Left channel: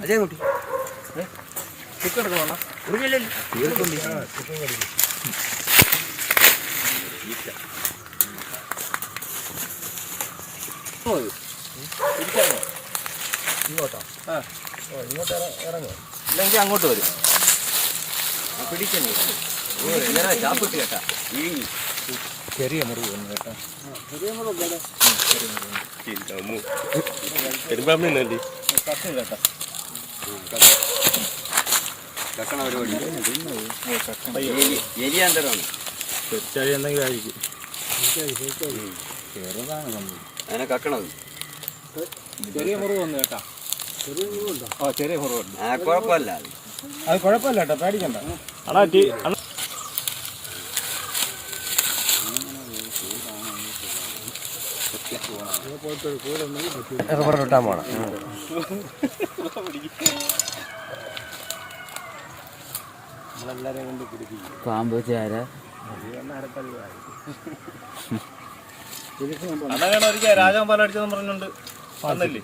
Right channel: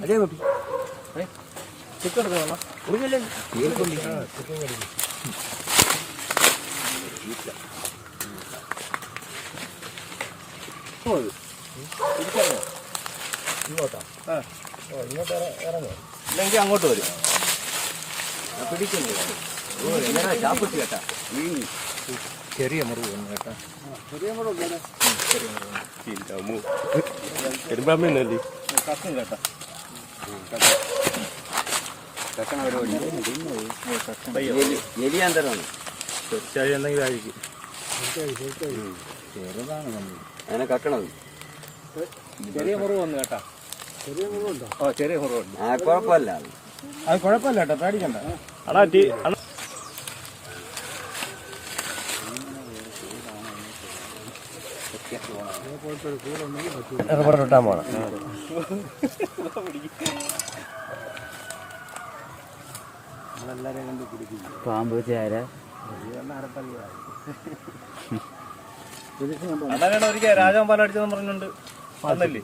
അതേ കുട്ടി ഇങ്ങോട്ടോ ഇങ്ങോട്ട് ഇറങ്ങോ ഇല്ലെങ്കിൽ അങ്ങോട്ട് വരും പിടിക്കുന്നു ചാപ്പിട്ട് കേട്ടാ ചെറിയ മുറിവ് വന്നു കേട്ടാ പെരുമ്പാമ്പിന്നല്ലേ കഷ്ണം കേട്ടോ. കെട്ടണ പരിപാടി. എലിയാന്തരമാണ് തീർച്ചയായും എന്തെങ്കിലും ആയിരിക്കും ചെറുതാണ് നമ്മൾ. അങ്ങനെ കക്കണത്. ചെറിയ മുറിവ് വന്നു കേട്ടാ ഓ ചെറിയ മുറിവുണ്ട്. ആ കുഴപ്പമില്ല. അത് അത് കുഴപ്പമില്ല കേട്ടോ പേടിക്കണ്ട. അണ ഇട്ടാൻ പോണം പാമ്പ് പാലടിച്ചതെന്ന് പറഞ്ഞുകൊണ്ട് വന്നില്ലേ?